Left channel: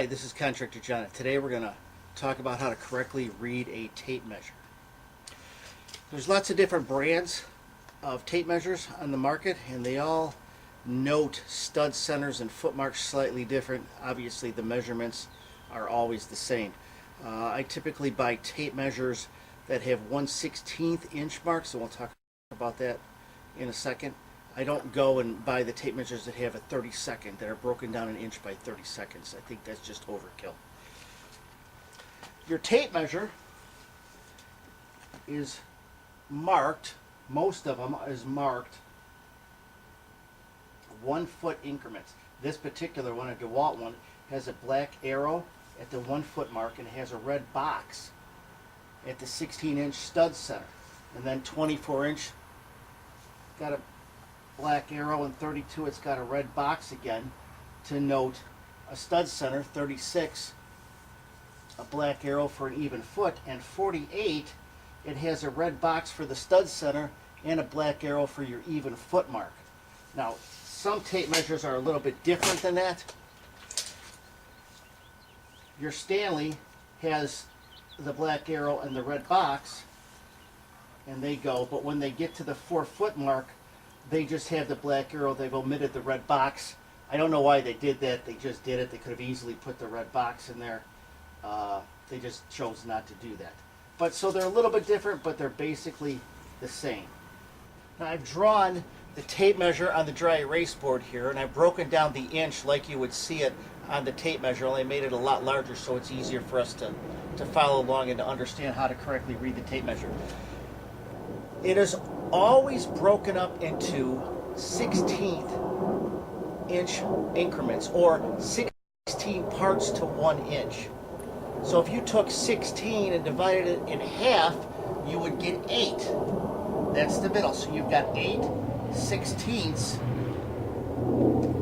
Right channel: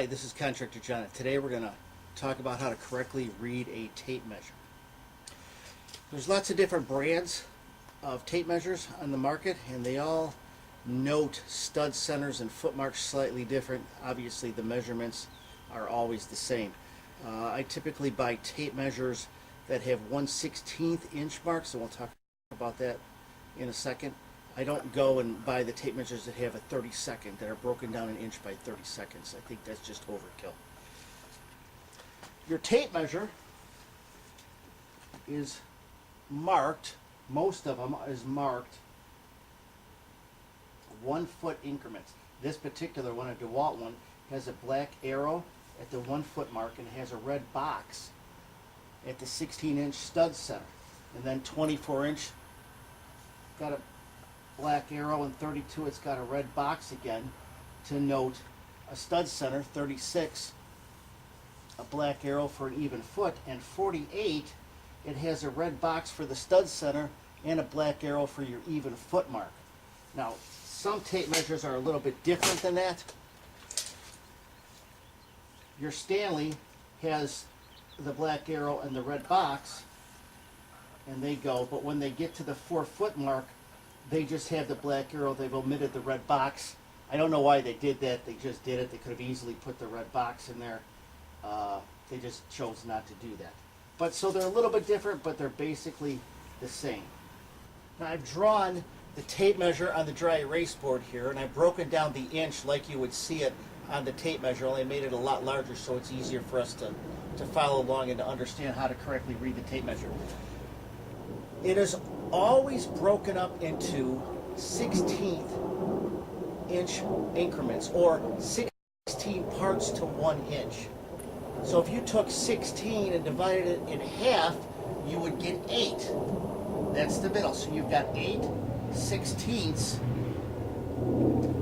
Hi, this is Contractor John. Today we're going to talk about how to correctly read a tape measure. There's lots of different brands of tape measures on the market, and they all note stud centers and foot marks slightly different. Obviously the measurements are always the same. I typically buy tape measures that have 1/16 inch marks, and we'll talk about that in a second. I don't go and buy the tape measures that have a 32nd, that are broken down an inch by 30 seconds. I think that's just overkill. Your tape measure is marked, most of them is marked 1 foot increments. This particular one, a DeWalt one, has a black arrow at the 1 foot mark and has a red box at the 16-inch stud center. And then 24-inch got a black arrow, and 32 it's got a red box again to note a stud center. 36 a black arrow for an even foot, and 48 it has a red box for the stud center and a black arrow for your even foot mark. Now some tape measures are a little bit different than that. Your Stanley has the black arrow and the red box, and they go, but when they get to the 4 foot mark they just have the black arrow. They've omitted the red box. I don't know why they did that. They just did it. They could have easily put the red box in there. They just chose not to do that. But so they're a little bit different, but they're basically the same. Now I've drawn the tape measure on the dry erase board here, and I've broken down the inch like you would see it on the tape measure, only made it a lot larger so it's easier for us to follow along and to understand how to correctly read the tape measure. It is always broken up into 16th inch increments, or 16 parts to 1 inch. So if you took 16 and divided it in half, you would get 8. That's the middle. So you've got 8/16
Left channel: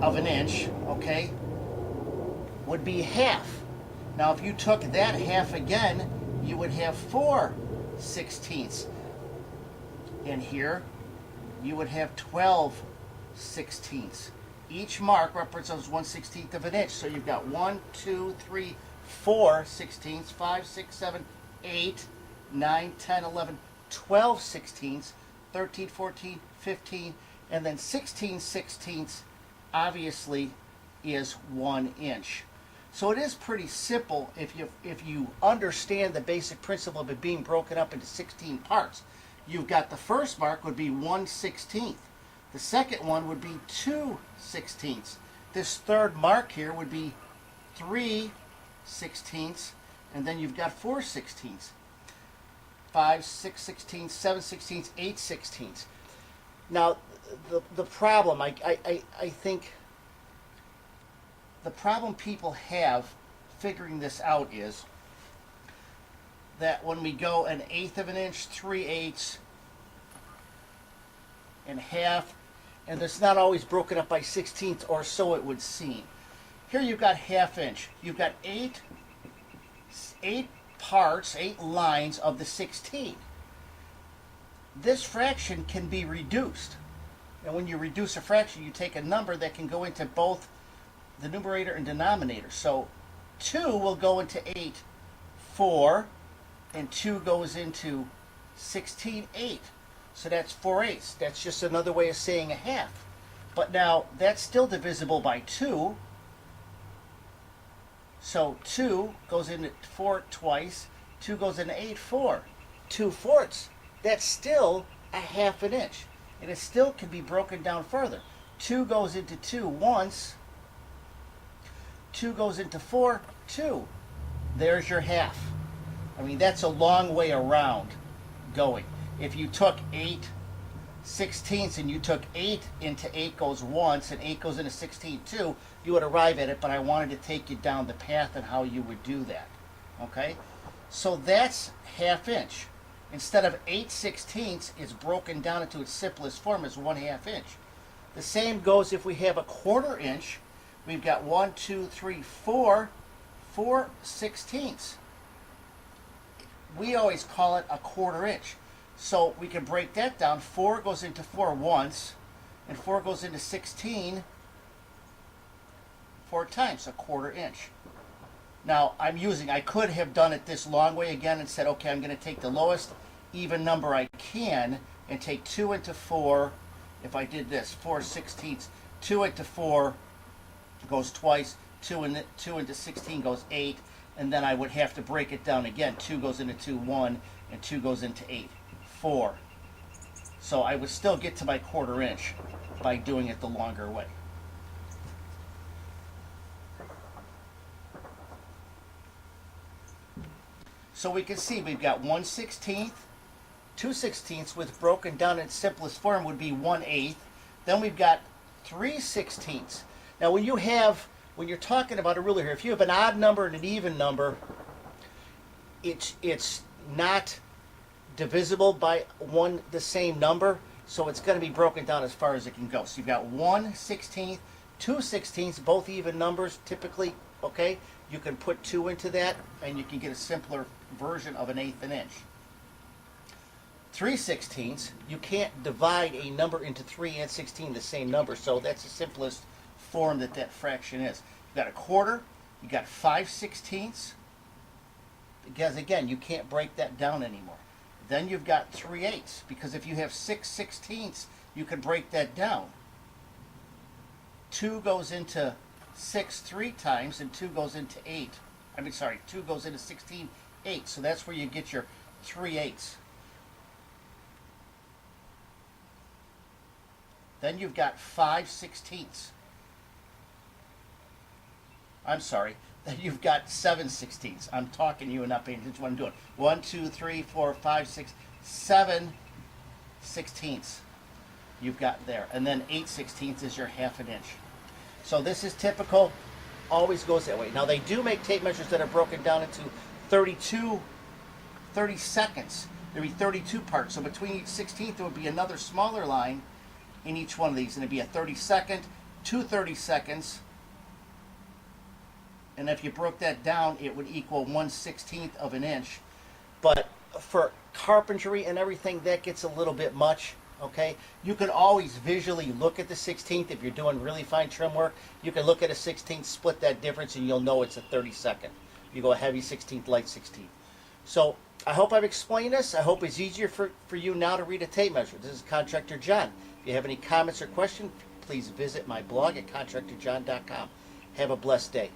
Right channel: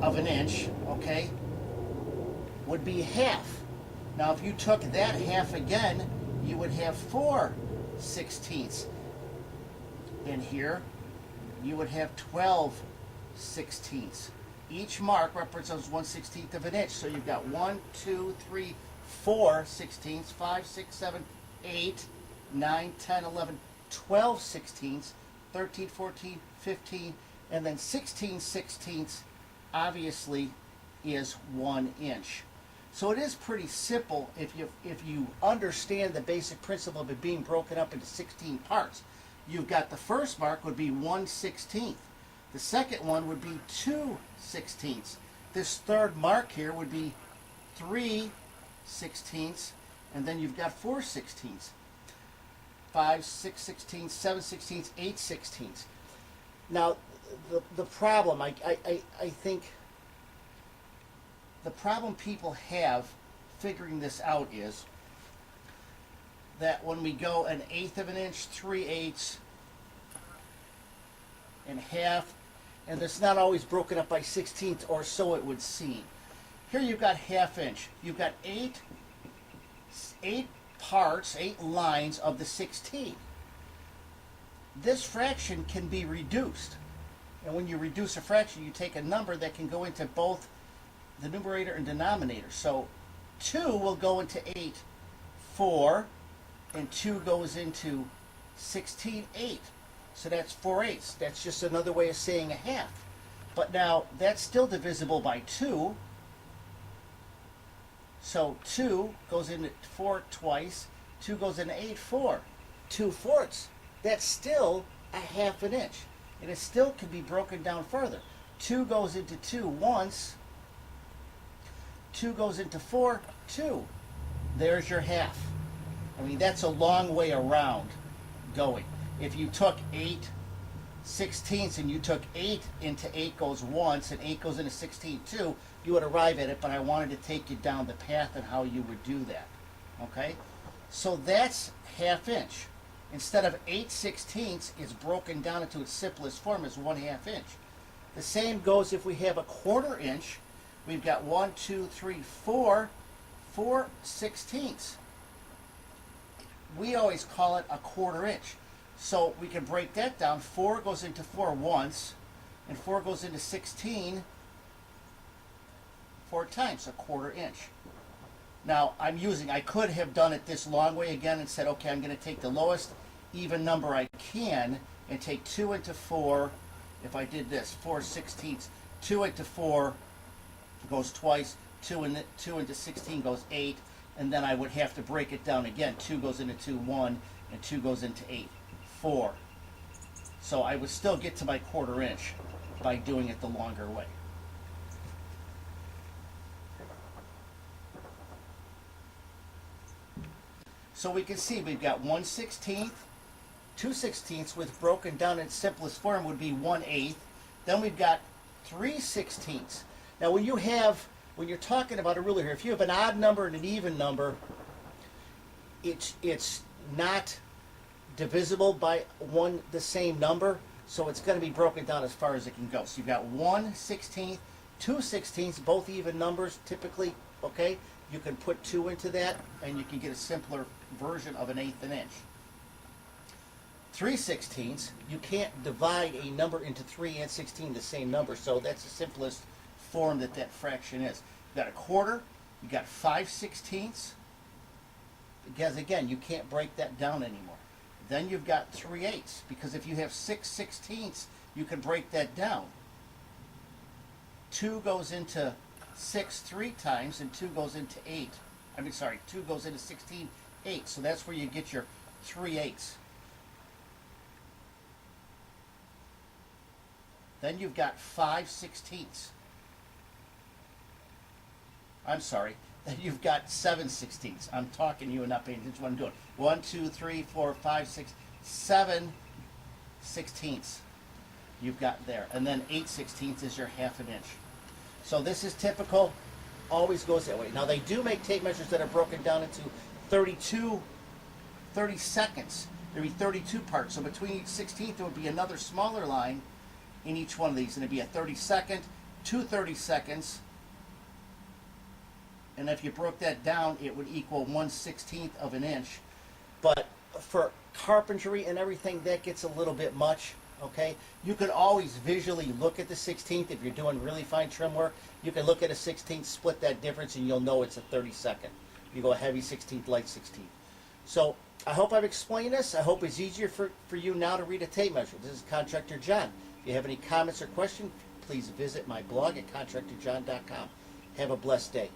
of an inch, okay, would be half. Now if you took that half again, you would have 4/16. And here you would have 12/16. Each mark represents 1/16 of an inch. So you've got 1, 2, 3, 4/16, 5, 6, 7, 8, 9, 10, 11, 12/16, 13, 14, 15, and then 16/16 obviously is 1 inch. So it is pretty simple if you understand the basic principle of it being broken up into 16 parts. You've got the first mark would be 1/16. The second one would be 2/16. This third mark here would be 3/16, and then you've got 4/16, 5, 6/16, 7/16, 8/16. Now the problem, I think the problem people have figuring this out is that when we go 1/8 of an inch, 3/8, and half, and it's not always broken up by 16ths, or so it would seem. Here you've got 1/2 inch. You've got 8 parts, 8 lines of the 16. This fraction can be reduced. And when you reduce a fraction, you take a number that can go into both the numerator and denominator. So 2 will go into 8, 4, and 2 goes into 16, 8. So that's 4/8. That's just another way of saying a half. But now that's still divisible by 2. So 2 goes into 4 twice. 2 goes into 8, 4. 2/4. That's still a 1/2 an inch. And it still can be broken down further. 2 goes into 2 once. 2 goes into 4, 2. There's your half. I mean, that's a long way around going. If you took 8/16 and you took 8 into 8 goes once and 8 goes into 16 too, you would arrive at it, but I wanted to take you down the path and how you would do that. Okay? So that's 1/2 inch. Instead of 8/16, it's broken down into its simplest form as 1/2 inch. The same goes if we have a 1/4 inch. We've got 1, 2, 3, 4, 4/16. We always call it a 1/4 inch. So we can break that down. 4 goes into 4 once, and 4 goes into 16 4 times, a 1/4 inch. Now I could have done it this long way again and said, okay, I'm going to take the lowest even number I can and take 2 into 4. If I did this, 4/16, 2 into 4 goes twice, 2 into 16 goes 8, and then I would have to break it down again. 2 goes into 2, 1, and 2 goes into 8, 4. So I would still get to my 1/4 inch by doing it the longer way. So we can see we've got 1/16, 2/16, which broken down in simplest form would be 1/8. Then we've got 3/16. Now when you're talking about a ruler here, if you have an odd number and an even number, it's not divisible by the same number, so it's going to be broken down as far as it can go. So you've got 1/16, 2/16, both even numbers typically, okay? You can put 2 into that and you can get a simpler version of an 1/8 inch. 3/16, you can't divide a number into 3 and 16 the same number, so that's the simplest form that fraction is. You've got a 1/4, you got 5/16, because again, you can't break that down anymore. Then you've got 3/8, because if you have 6/16, you can break that down. 2 goes into 6 3 times, and 2 goes into 8. 2 goes into 16, 8. So that's where you get your 3/8. Then you've got 5/16. Then you've got 7/16. I'm talking to you and not paying attention to what I'm doing. 1, 2, 3, 4, 5, 6, 7/16. You've got there. And then 8/16 is your 1/2 inch. So this is typical, always goes that way. Now they do make tape measures that are broken down into 30 seconds. There'd be 32 parts. So between each 16th there would be another smaller line in each one of these. And it'd be a 30-second, 2 30-seconds. And if you broke that down, it would equal 1/16 of an inch. But for carpentry and everything, that gets a little bit much. Okay, you can always visually look at the 16th if you're doing really fine trim work. You can look at a 16th, split that difference, and you'll know it's a 32nd. You go a heavy 16th, light 16th. So I hope I've explained this. I hope it's easier for you now to read a tape measure. This is Contractor John. If you have any comments or questions, please visit my blog at contractorjohn.com. Have a blessed day.